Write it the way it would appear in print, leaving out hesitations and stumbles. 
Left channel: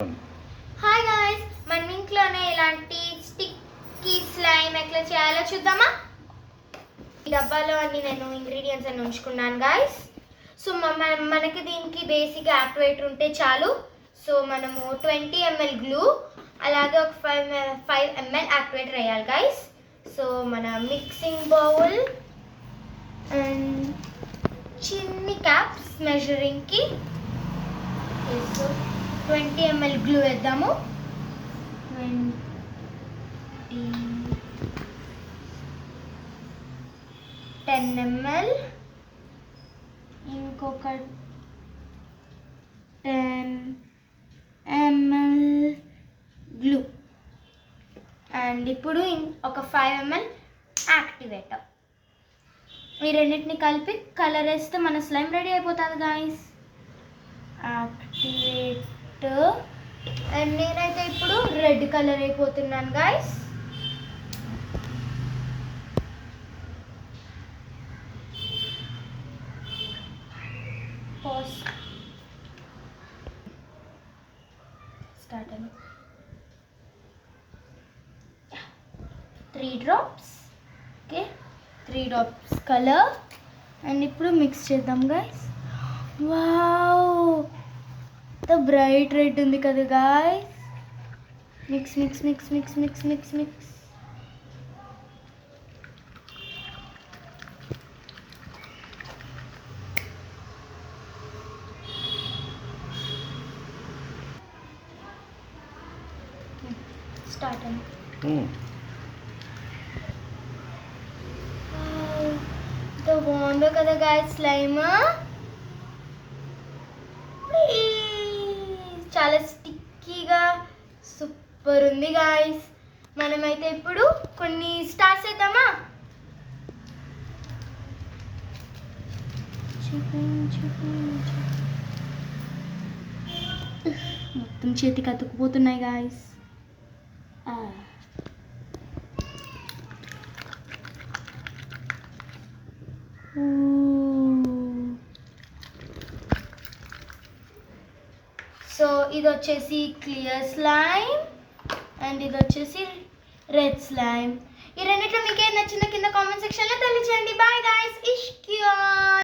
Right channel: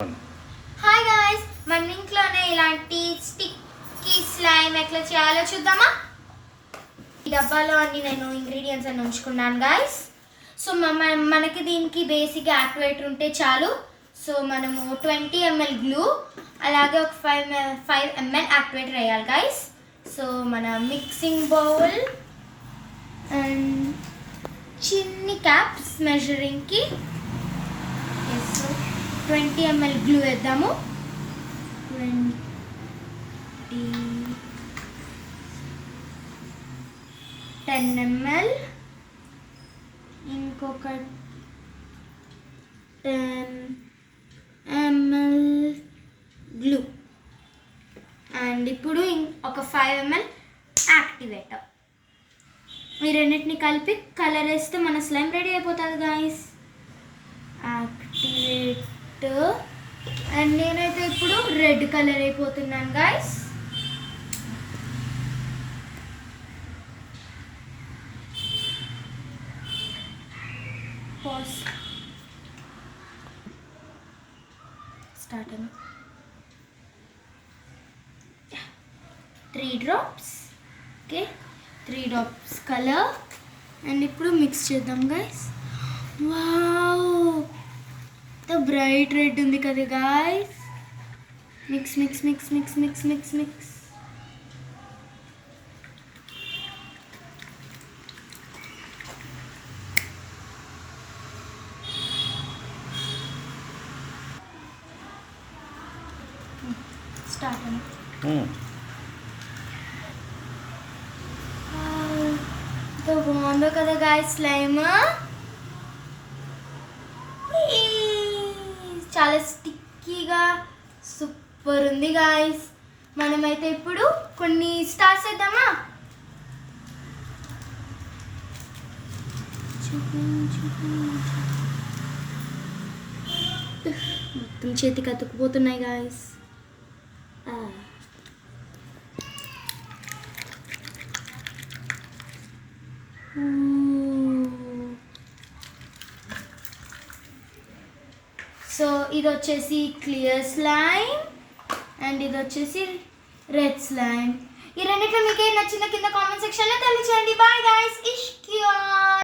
Hi guys, మన ఇంట్లోనే ఇలాంటి స్టిక్కీ స్లైమ్ ఎట్లా చేయాలో చూద్దామా. ఈ డబ్బాలో అన్ని నేను ఇంగ్రీడియంట్స్ అన్ని ఉంచుకున్నాను గాయ్స్. సో మనకి దీనికి బేసిక్ యాక్టివేటర్ ఉంటే చాలు. సో మనము 20 ml గ్లూ అలాగే ఒక 5 ml యాక్టివేటర్ వేయాలి గాయ్స్. సో మన మిక్సింగ్ బౌల్ అండ్ చిన్ని క్యాప్స్ మెజరింగ్కి 20 ml గ్లూ వేద్దాము. 10 ml ఇంకొక 10 ml గ్లూ అండ్ ఇప్పుడు ఒక 5 ml యాక్టివేటర్. ఈ రెండింటిని కలిపి కలర్ వేస్తే మన స్లైమ్ రెడీ అయిపోతుంది గాయస్. యాక్టివేటర్ అండ్ నేనైతే ఇప్పుడు రెడ్ కలర్ అయిపోతున్నాను గాయస్. స్టార్ట్ అన్న 3 drops. Okay, 3 drops colour and ఇప్పుడు మిక్స్ చేద్దాం గైస్. వావ్, బ్రైట్ రెడ్ ఉంది కదా guys. Mix mix mix mix mix mix mix. Start అన్న. బాగుందో కదా గాయస్ స్లైమ్. చాలా స్టిక్కీగా సూపర్ ఉంది గాయస్. మనమైతే ఇప్పుడు కొన్ని స్టార్స్ వేద్దామా. మొత్తం చేతికి అతుక్కుపోతున్నాయి గాయస్. సో ఇది వచ్చేసి క్లియర్ స్లైమ్ అండ్ ఇది వచ్చేసి రెడ్ స్లైమ్. ఈ రెండింటిలో మీకు ఏం నచ్చిందో కింద కామెంట్ సెక్షన్లో తెలియచేయండి. Bye guys. ఇష్క్యా.